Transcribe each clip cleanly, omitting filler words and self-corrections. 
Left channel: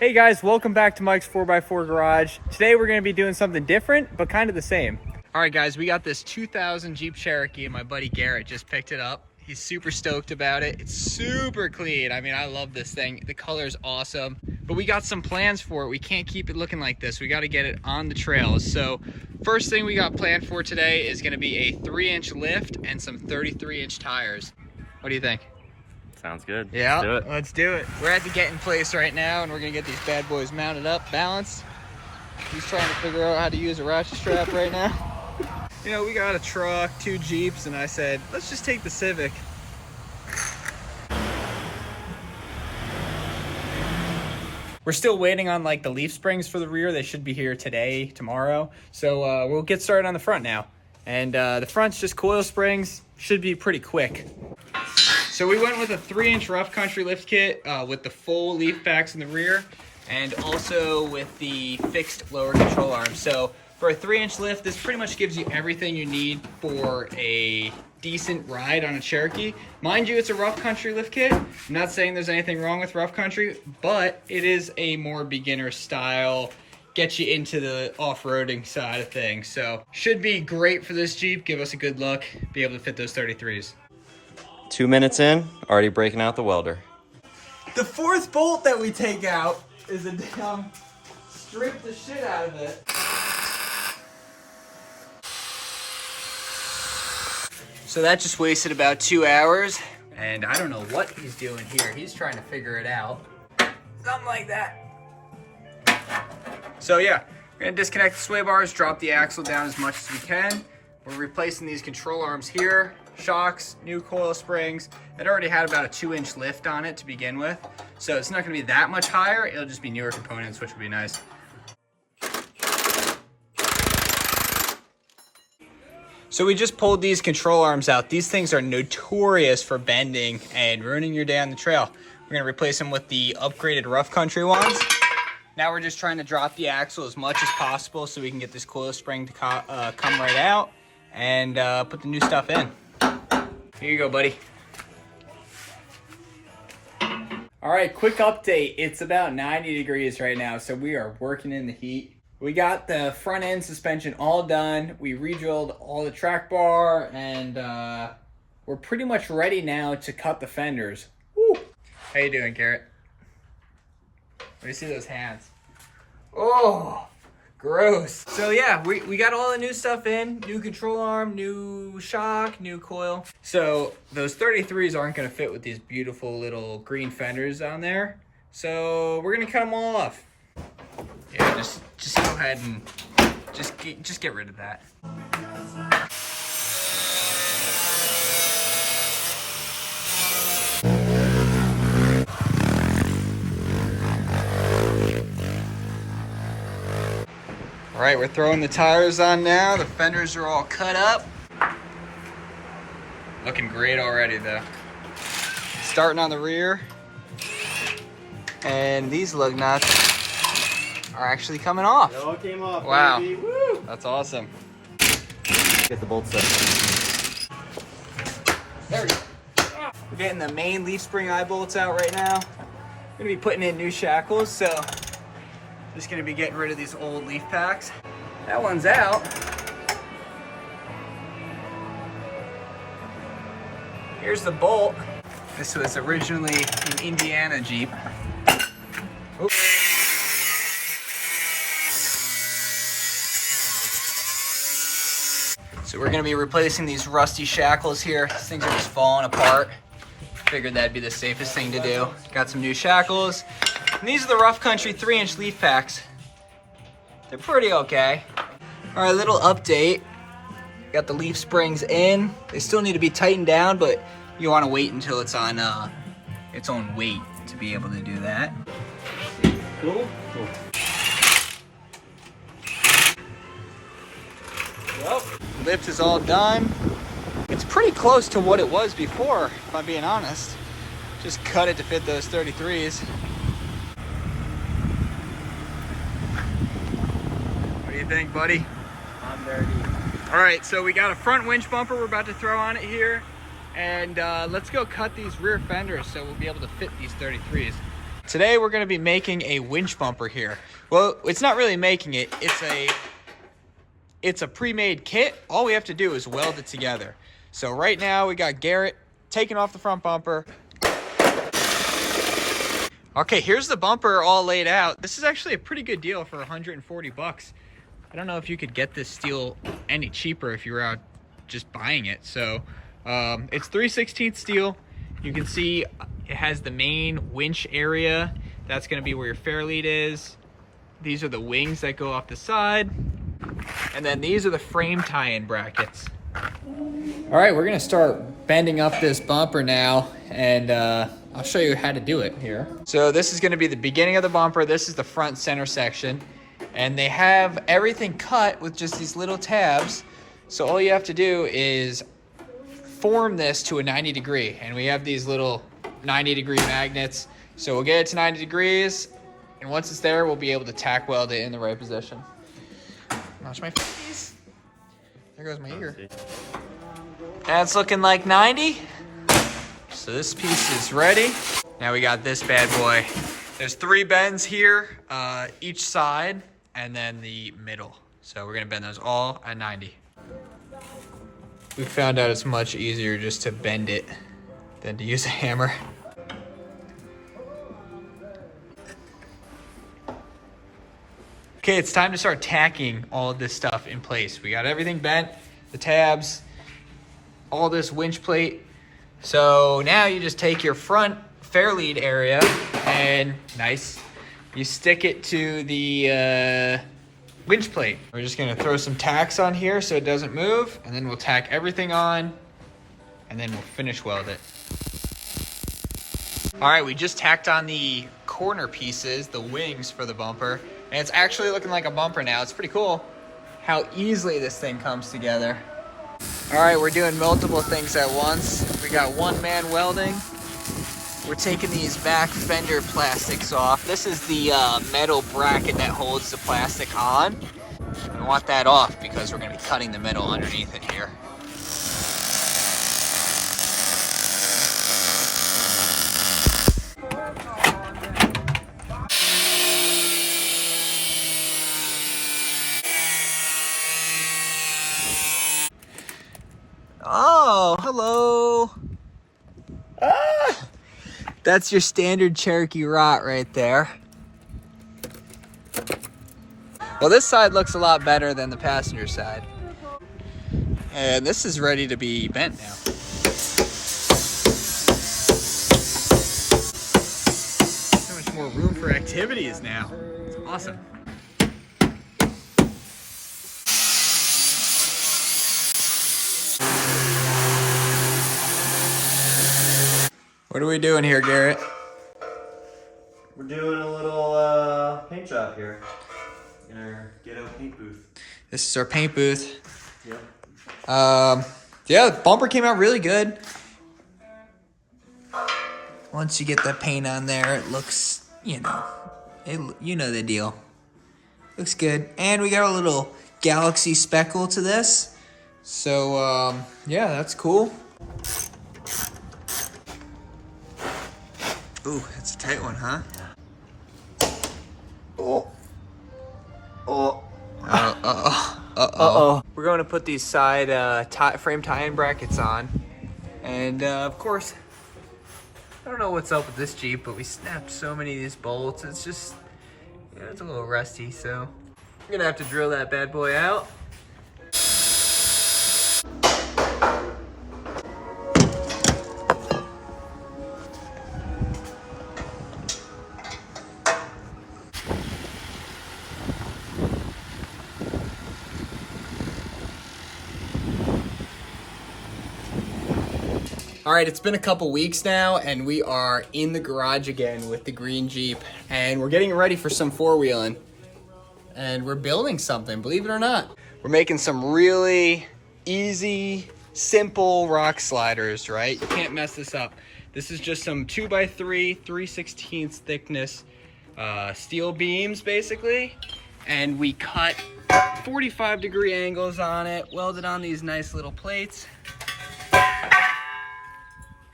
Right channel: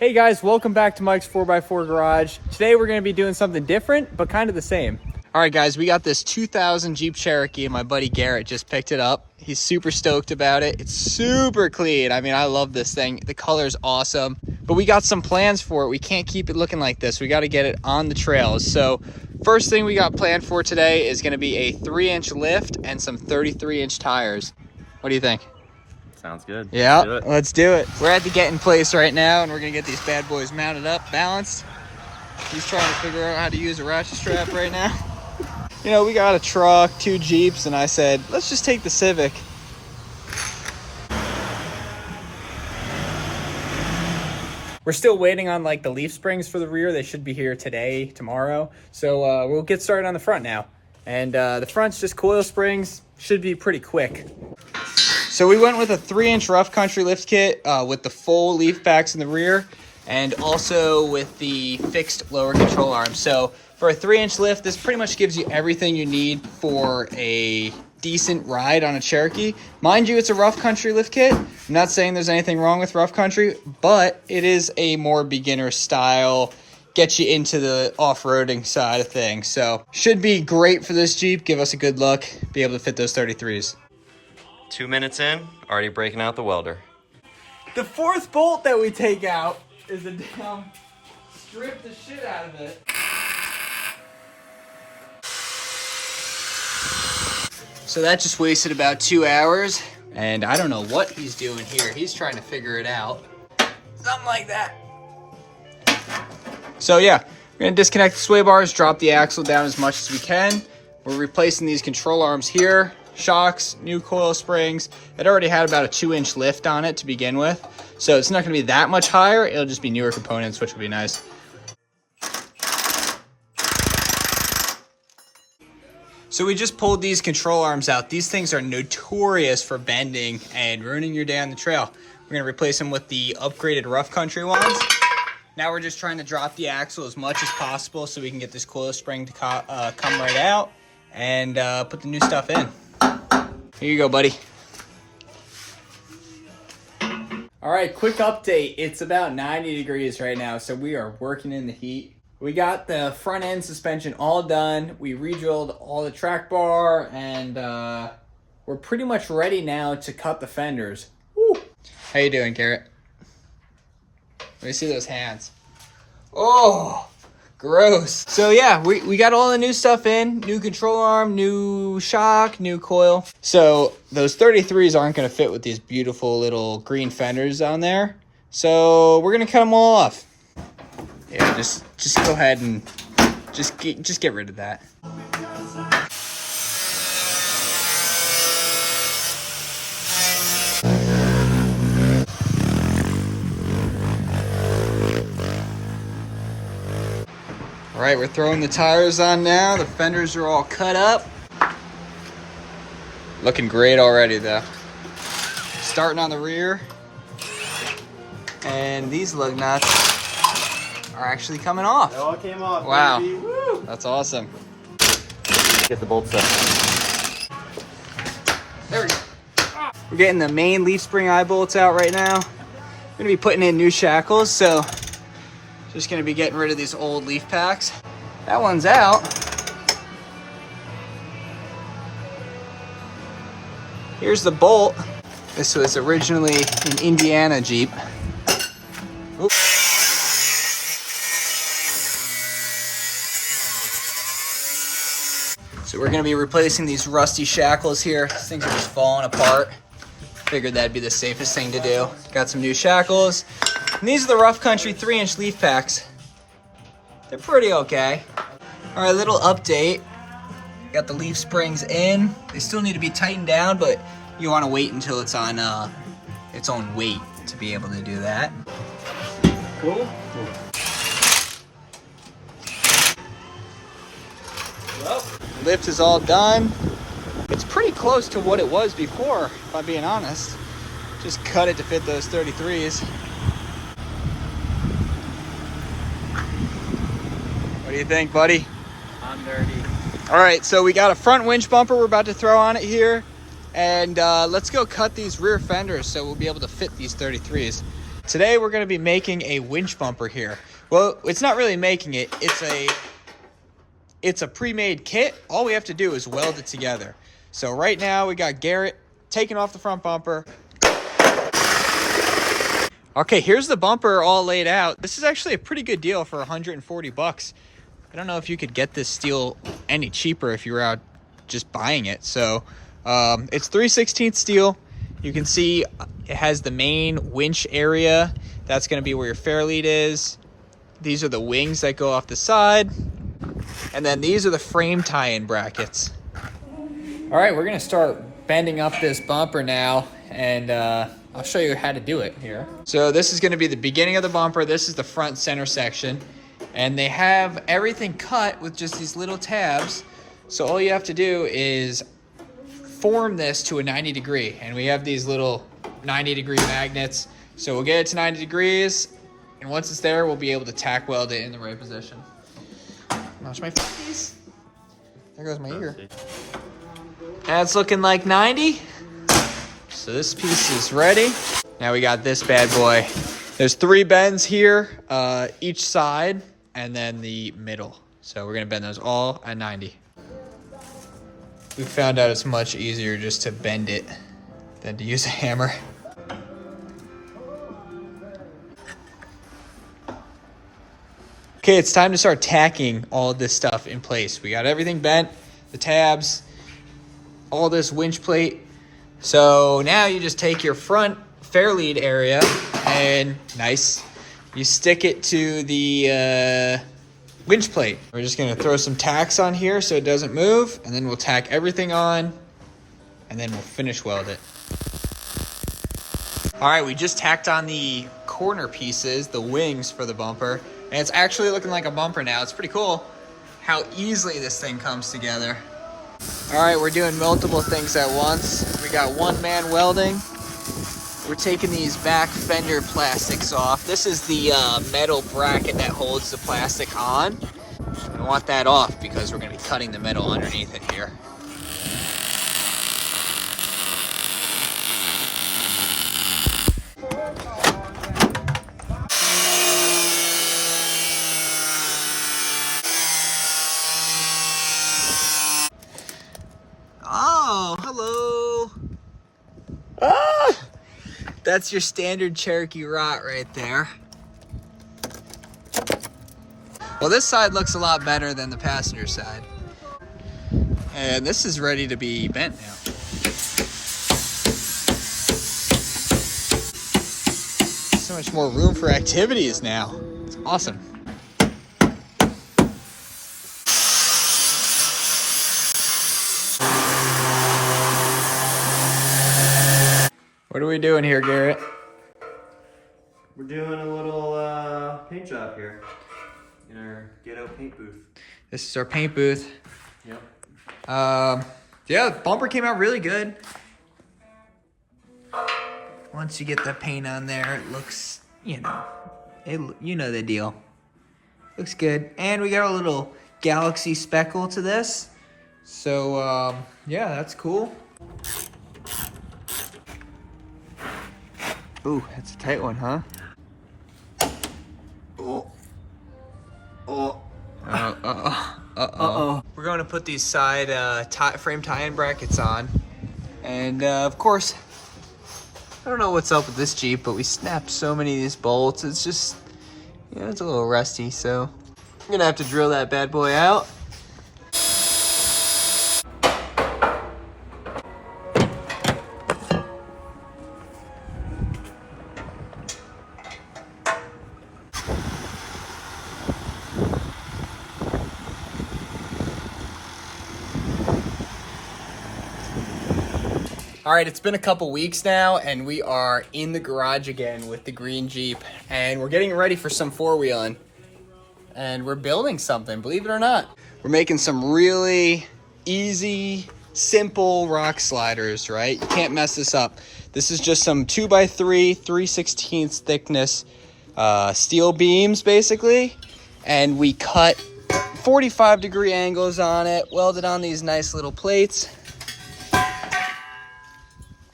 Hey guys, welcome back to Mike's 4x4 Garage. Today we're going to be doing something different, but kind of the same. All right guys, we got this 2000 Jeep Cherokee and my buddy Garrett just picked it up. He's super stoked about it. It's super clean. I mean, I love this thing. The color's awesome, but we got some plans for it. We can't keep it looking like this. We got to get it on the trails. So first thing we got planned for today is going to be a 3-inch lift and some 33-inch tires. What do you think? Sounds good. Yeah, let's do it. We're at the get in place right now, and we're gonna get these bad boys mounted up, balanced. He's trying to figure out how to use a ratchet strap right now. You know, we got a truck, 2 Jeeps, and I said, let's just take the Civic. We're still waiting on like the leaf springs for the rear. They should be here today, tomorrow. So we'll get started on the front now. And the front's just coil springs, should be pretty quick. So we went with a 3-inch rough country lift kit with the full leaf packs in the rear and also with the fixed lower control arm. So for a 3-inch lift, this pretty much gives you everything you need for a decent ride on a Cherokee. Mind you, it's a rough country lift kit. I'm not saying there's anything wrong with rough country, but it is a more beginner style, get you into the off-roading side of things. So should be great for this Jeep. Give us a good look, be able to fit those 33s. 2 minutes in, already breaking out the welder. The 4th bolt that we take out is a damn strip the shit out of it. So that just wasted about 2 hours, and I don't know what he's doing here. He's trying to figure it out. Something like that. So yeah, we're gonna disconnect the sway bars, drop the axle down as much as we can. We're replacing these control arms here. Shocks, new coil springs. It already had about a 2-inch lift on it to begin with, so it's not going to be that much higher. It'll just be newer components, which will be nice. So we just pulled these control arms out. These things are notorious for bending and ruining your day on the trail. We're going to replace them with the upgraded rough country ones. Now we're just trying to drop the axle as much as possible so we can get this coil spring to come right out and put the new stuff in. Here you go, buddy. All right, quick update. It's about 90 degrees right now, so we are working in the heat. We got the front end suspension all done. We re-drilled all the track bar, and we're pretty much ready now to cut the fenders. Woo. How you doing, Garrett? Let me see those hands. Oh, gross. So yeah, we got all the new stuff in, new control arm, new shock, new coil. So those 33s aren't gonna fit with these beautiful little green fenders on there. So we're gonna cut them all off. Yeah, just go ahead and just get rid of that. All right, we're throwing the tires on now. The fenders are all cut up. Looking great already though. Starting on the rear. And these lug nuts are actually coming off. It all came off. Wow, baby. Woo! that's awesome. Get the bolts up. There we go. We're getting the main leaf spring eye bolts out right now. I'm gonna be putting in new shackles, so just gonna be getting rid of these old leaf packs. That one's out. Here's the bolt. This was originally an Indiana Jeep. Oops. So we're gonna be replacing these rusty shackles here. These things are just falling apart. Figured that'd be the safest thing to do. Got some new shackles. And these are the rough country 3-inch leaf packs. They're pretty okay. All right, little update. Got the leaf springs in. They still need to be tightened down, but you want to wait until it's on its own weight to be able to do that. Cool. Well, lift is all done. It's pretty close to what it was before, if I'm being honest. Just cut it to fit those 33s. What do you think, buddy? I'm dirty. All right, so we got a front winch bumper we're about to throw on it here. And let's go cut these rear fenders so we'll be able to fit these 33s. Today we're going to be making a winch bumper here. Well, it's not really making it. It's a pre-made kit. All we have to do is weld it together. So right now we got Garrett taking off the front bumper. Okay, here's the bumper all laid out. This is actually a pretty good deal for 140 bucks. I don't know if you could get this steel any cheaper if you were out just buying it. So it's 3/16 steel. You can see it has the main winch area. That's going to be where your fair lead is. These are the wings that go off the side. And then these are the frame tie-in brackets. All right, we're going to start bending up this bumper now. And I'll show you how to do it here. So this is going to be the beginning of the bumper. This is the front center section. And they have everything cut with just these little tabs. So all you have to do is form this to a 90 degree. And we have these little 90 degree magnets. So we'll get it to 90 degrees. And once it's there, we'll be able to tack weld it in the right position. Watch my face. There goes my ear. That's looking like 90. So this piece is ready. Now we got this bad boy. There's 3 bends here, each side, and then the middle. So we're gonna bend those all at 90. We found out it's much easier just to bend it than to use a hammer. Okay, it's time to start tacking all of this stuff in place. We got everything bent, the tabs, all this winch plate. So now you just take your front fair lead area and you stick it to the winch plate. We're just gonna throw some tacks on here so it doesn't move, and then we'll tack everything on, and then we'll finish weld it. All right, we just tacked on the corner pieces, the wings for the bumper, and it's actually looking like a bumper now. It's pretty cool how easily this thing comes together. All right, we're doing multiple things at once. We got one man welding. We're taking these back fender plastics off. This is the metal bracket that holds the plastic on. We want that off because we're gonna be cutting the metal underneath it here. Oh, hello. Ah, that's your standard Cherokee rot right there. Well, this side looks a lot better than the passenger side. And this is ready to be bent now. So much more room for activities now. It's awesome. What are we doing here, Garrett? We're doing a little paint job here in our ghetto paint booth. This is our paint booth. Yep. Yeah, the bumper came out really good. Once you get the paint on there, it looks, you know the deal. Looks good. And we got a little galaxy speckle to this. So, yeah, that's cool. Ooh, that's a tight one, huh? Oh. Oh. Uh-oh. We're going to put these side frame tie-in brackets on. And, of course, I don't know what's up with this Jeep, but we snapped so many of these bolts. It's just, you know, it's a little rusty, so I'm going to have to drill that bad boy out. All right, it's been a couple weeks now, and we are in the garage again with the green Jeep, and we're getting ready for some four-wheeling, and we're building something, believe it or not. We're making some really easy, simple rock sliders, right? You can't mess this up. This is just some 2x3, 3/16 thickness steel beams, basically, and we cut 45-degree angles on it, welded on these nice little plates.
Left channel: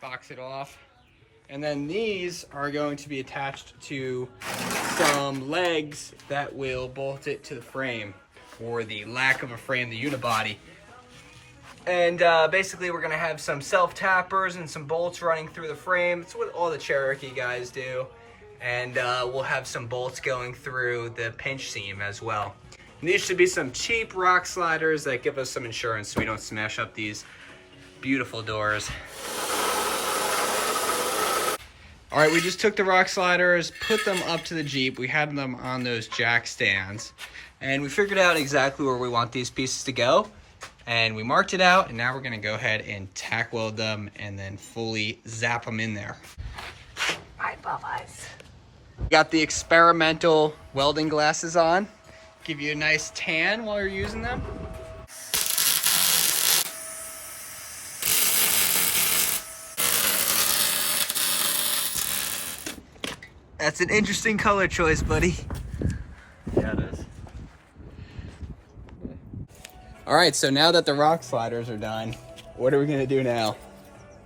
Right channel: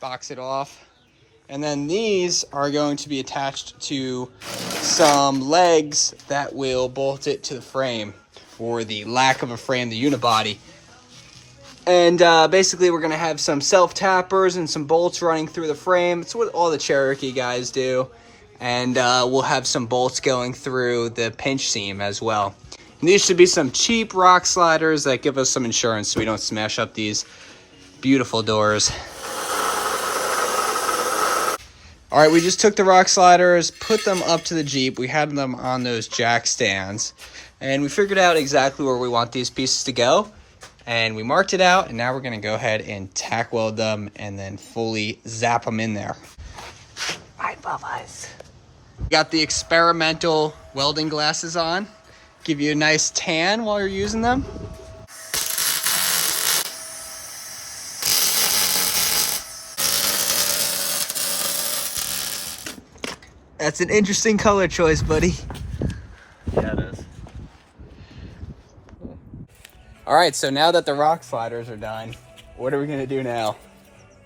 Box it off. And then these are going to be attached to some legs that will bolt it to the frame for the lack of a frame, the unibody. And basically we're gonna have some self-tappers and some bolts running through the frame. It's what all the Cherokee guys do. And we'll have some bolts going through the pinch seam as well. And these should be some cheap rock sliders that give us some insurance so we don't smash up these beautiful doors. All right, we just took the rock sliders, put them up to the Jeep. We had them on those jack stands. And we figured out exactly where we want these pieces to go. And we marked it out, and now we're gonna go ahead and tack weld them and then fully zap them in there. Right, Bubba's. Got the experimental welding glasses on. Give you a nice tan while you're using them. That's an interesting color choice, buddy. Yeah, it is. All right, so now that the rock sliders are done, what are we gonna do now?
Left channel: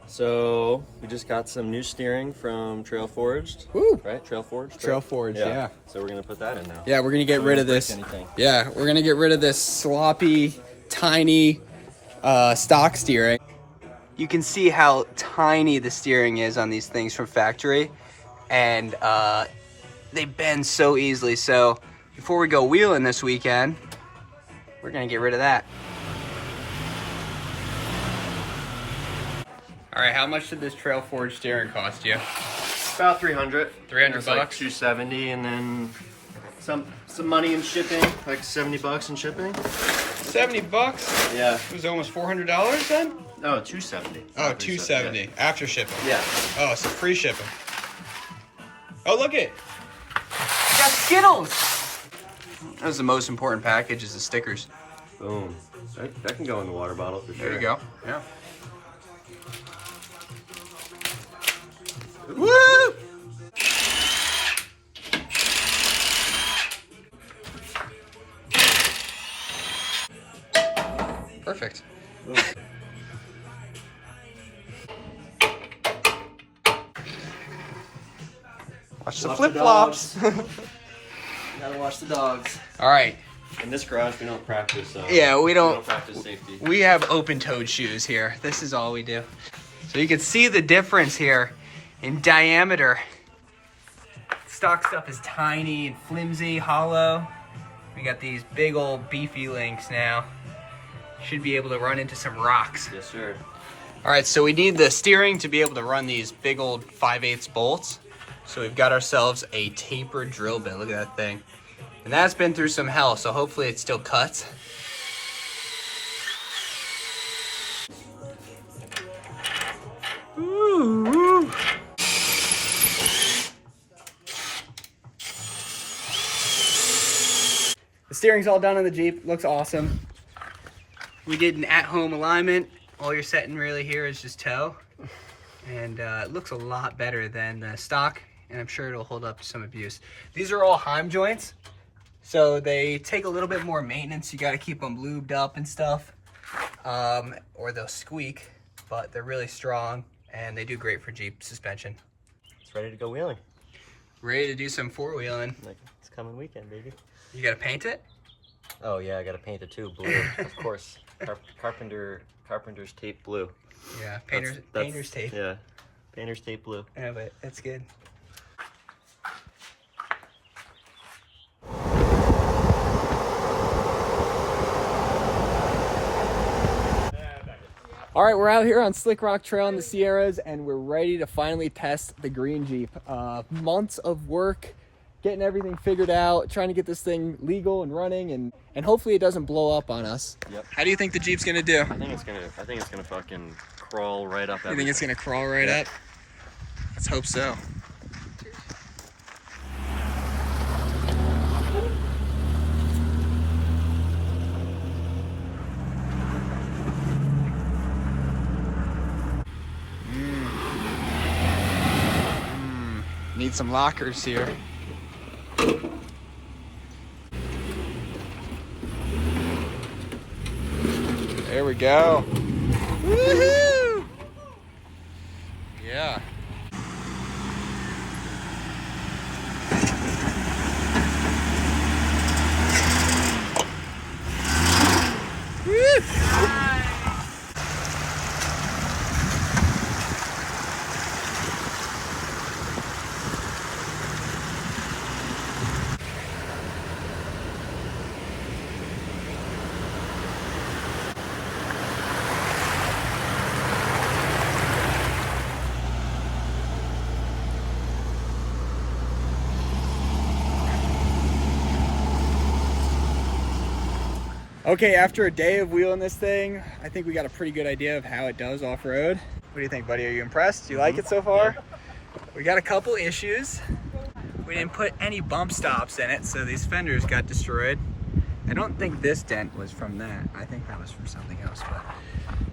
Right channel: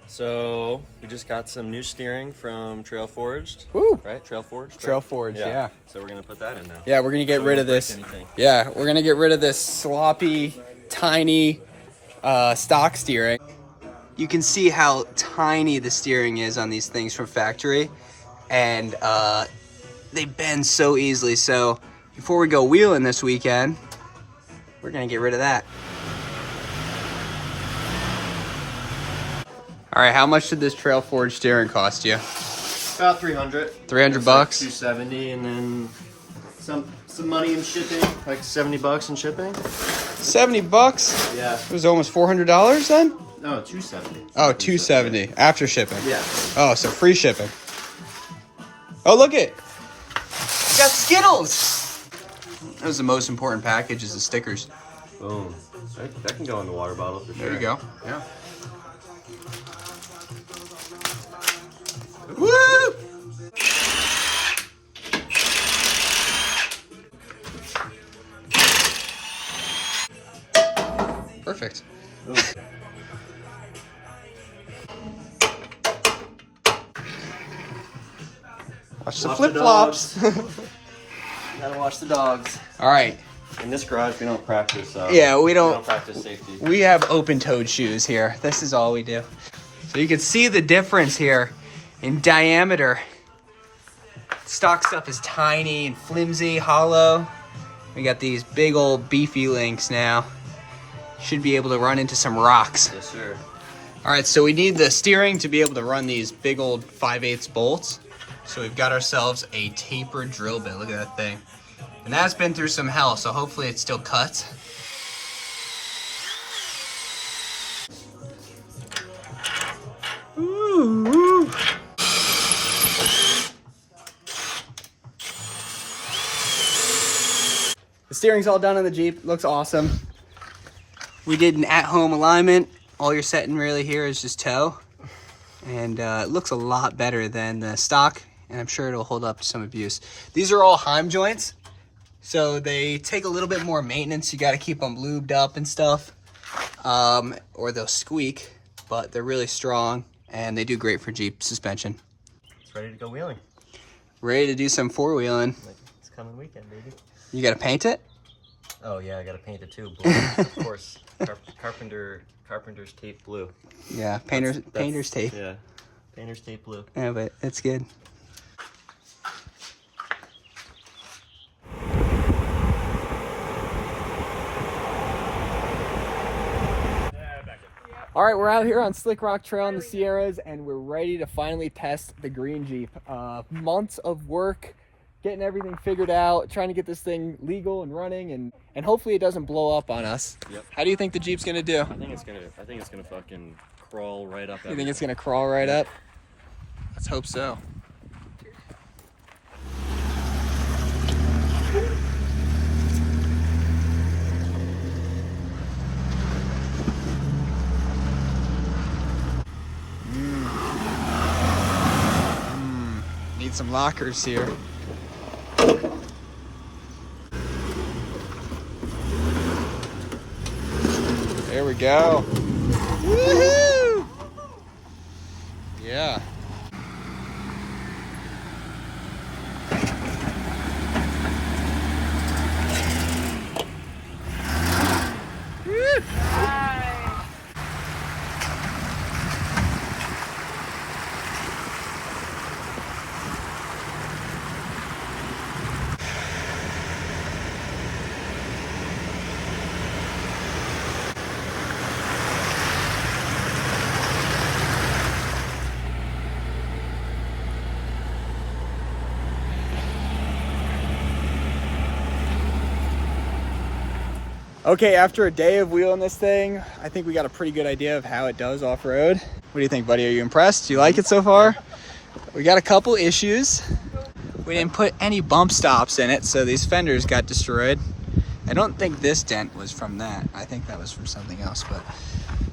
So we just got some new steering from Trail Forged. Woo! Right? Trail Forged? Trail Forged, yeah. So we're gonna put that in now. Yeah, we're gonna get rid of this. Yeah, we're gonna get rid of this sloppy, tiny stock steering. You can see how tiny the steering is on these things from factory, and they bend so easily. So before we go wheeling this weekend, we're gonna get rid of that. All right, how much did this Trail Forge steering cost you? About 300. 300 bucks? Like 270, and then some money in shipping, like 70 bucks in shipping. 70 bucks? Yeah. It was almost $400 then? No, 270. Oh, 270 yeah. after shipping. Yeah. Oh, so free shipping. Oh, look it. We got Skittles. That was the most important package, is the stickers. Boom. That can go in the water bottle for sure. There you go. Yeah. Woo! Perfect. Boom. Watch the Watch flip-flops. Gotta watch the dogs. All right. In this garage, we don't practice. Yeah, we don't practice safety. We have open-toed shoes here. This is all we do. So you can see the difference here in diameter. Stock stuff is tiny and flimsy, hollow. We got these big old beefy links now. Should be able to run into some rocks. Yes, sir. All right, so we need the steering to be able to run these big old 5/8 bolts. So we've got ourselves a tapered drill bit. Look at that thing. And that's been through some hell, so hopefully it still cuts. Ooh. The steering's all done on the Jeep. Looks awesome. We did an at-home alignment. All you're setting really here is just toe. And it looks a lot better than the stock, and I'm sure it'll hold up to some abuse. These are all Heim joints, so they take a little bit more maintenance. You got to keep them lubed up and stuff, or they'll squeak, but they're really strong, and they do great for Jeep suspension. It's ready to go wheeling. Ready to do some four-wheeling. It's coming weekend, baby. You got to paint it? Oh, yeah, I got to paint it too. Blue, of course. Carpenter's tape blue. Yeah, painter's tape. Yeah, painter's tape blue. Yeah, but it's good. All right, we're out here on Slick Rock Trail in the Sierras, and we're ready to finally test the green Jeep. Months of work, getting everything figured out, trying to get this thing legal and running, and hopefully it doesn't blow up on us. Yep. How do you think the Jeep's gonna do? I think it's gonna fucking crawl right up. You think it's gonna crawl right up? Let's hope so. Need some lockers here. There we go. Woohoo! Yeah. Okay, after a day of wheeling this thing, I think we got a pretty good idea of how it does off-road. What do you think, buddy? Are you impressed? Do you like it so far? Yeah. We got a couple issues. We didn't put any bump stops in it, so these fenders got destroyed. I don't think this dent was from that. I think that was from something else, but...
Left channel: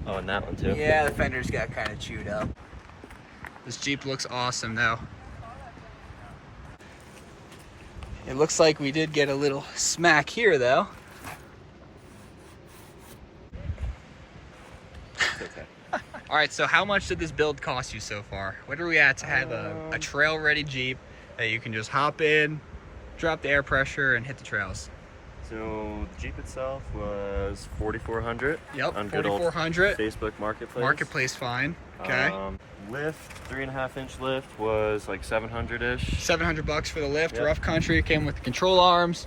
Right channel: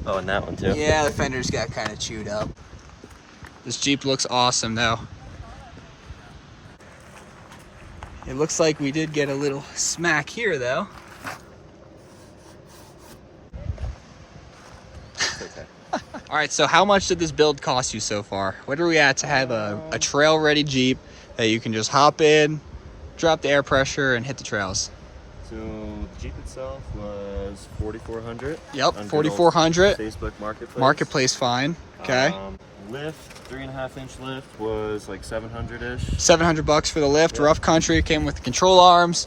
Oh, and that one too. Yeah, the fenders got kind of chewed up. This Jeep looks awesome, though. It looks like we did get a little smack here, though. Okay. All right, so how much did this build cost you so far? What are we at to have a trail-ready Jeep that you can just hop in, drop the air pressure, and hit the trails? So the Jeep itself was $4,400. Yep, $4,400. Facebook Marketplace. Marketplace fine. Okay. Lift, 3.5-inch lift was like $700-ish. $700 for the lift. Yep. Rough country. It came with the control arms,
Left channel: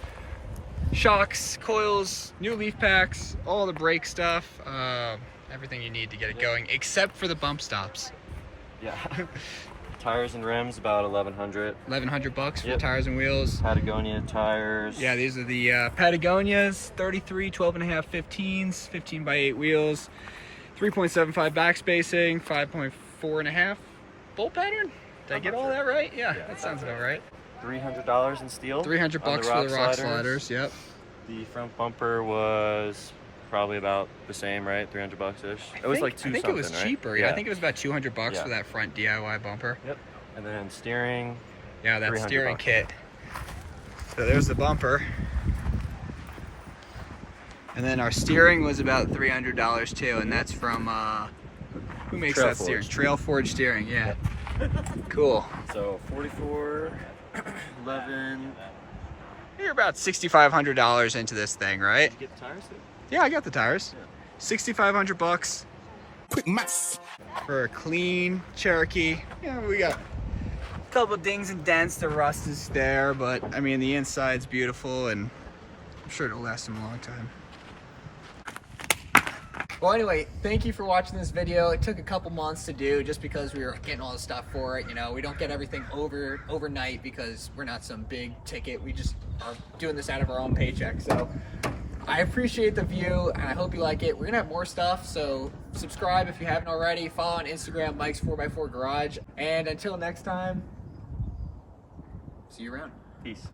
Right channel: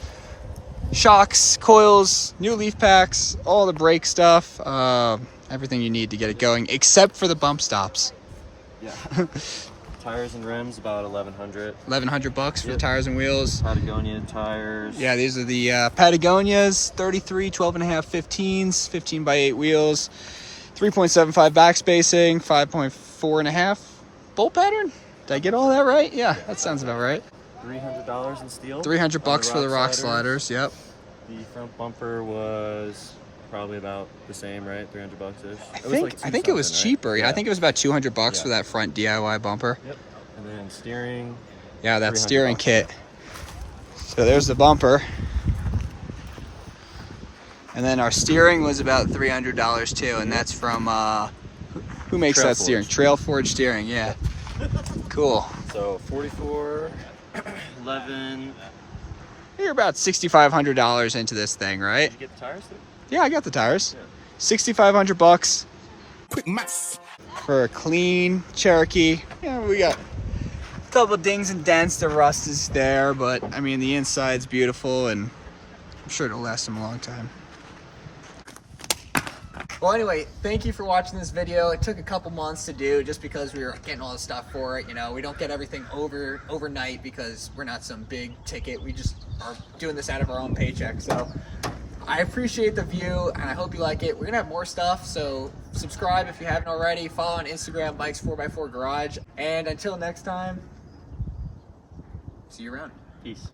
shocks, coils, new leaf packs, all the brake stuff. Everything you need to get it going, except for the bump stops. Yeah. Tires and rims about $1,100. $1,100 for Yep. tires and wheels. Patagonia tires. Yeah, these are the Patagonias, 33, 12.5, 15s, 15 by 8 wheels, 3.75 back spacing, 5.4.5 bolt pattern. Did I get all that right? Yeah, that sounds about right. $300 in steel. $300 for the rock sliders. Yep. The front bumper was probably about the same, right? $300-ish. I think it was cheaper. Yeah, I think it was about $200 Yeah. for that front DIY bumper. Yep. And then steering. Yeah, that steering $300. kit. So there's the bumper. And then our steering was about $300 too, and that's from who makes Trail that steering? Forge. Trail Forge steering. Yeah. Cool. So 44, 11. You're about $6,500 into this thing, right? Did you get the tires there? Yeah, I got the tires. Yeah. $6,500 Quick maths. for a clean Cherokee. Yeah, we got a couple of dings and dents. The rust is there, but I mean the inside's beautiful, and I'm sure it'll last them a long time. Well, anyway, thank you for watching this video. It took a couple months to do just because we were getting all the stuff for it. You know, we don't get everything overnight because we're not some big ticket. We just are doing this out of our own paycheck. So I appreciate the view, and I hope you like it. We're gonna have more stuff, so subscribe if you haven't already. Follow on Instagram, Mike's 4x4 Garage. And until next time, see you around. Peace.